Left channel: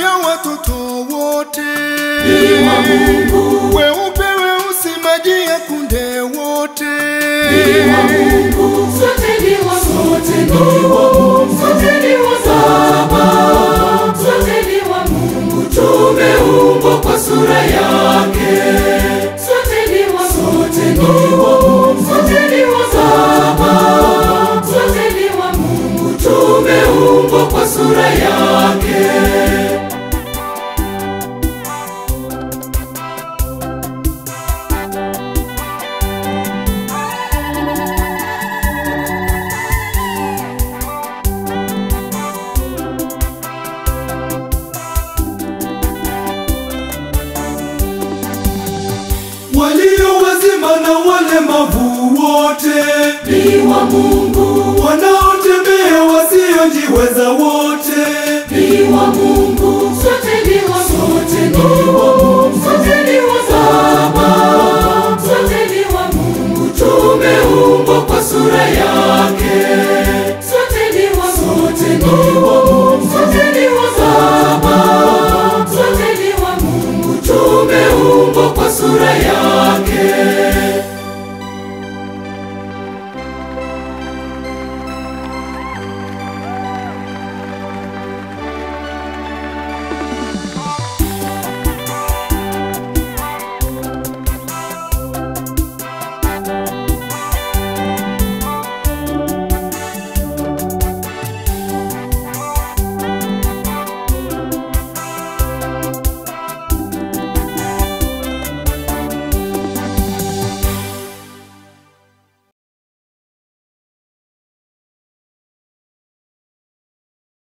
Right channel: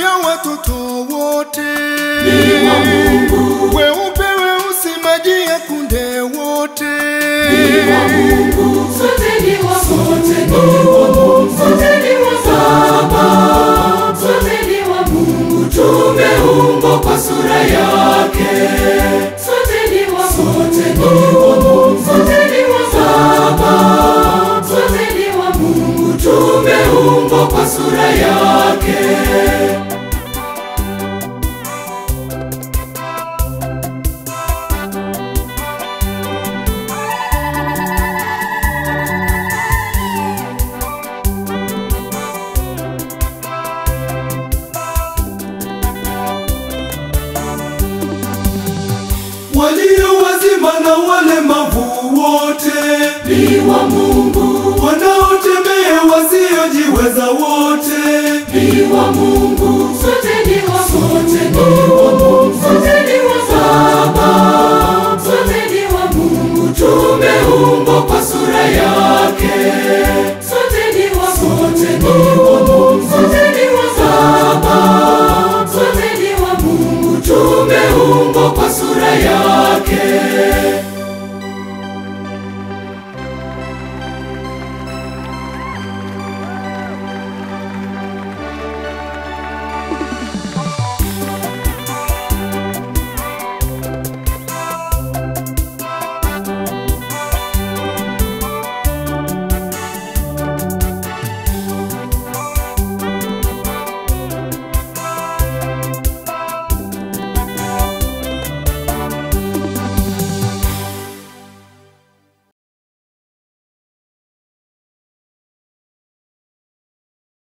ya watoto wote, weupe weusi maji ya kunde wote, sote ni wa Mungu, sote ni wa Baba, sote ni wa Mungu, tumeumbwa kwa sura yake. Sote ni wa Mungu, sote ni wa Baba, sote ni wa Mungu, tumeumbwa kwa sura yake. walio wazima na walemavu wote Ni wa Mungu, wanaotembea wasiojiweza wote ni wa Mungu.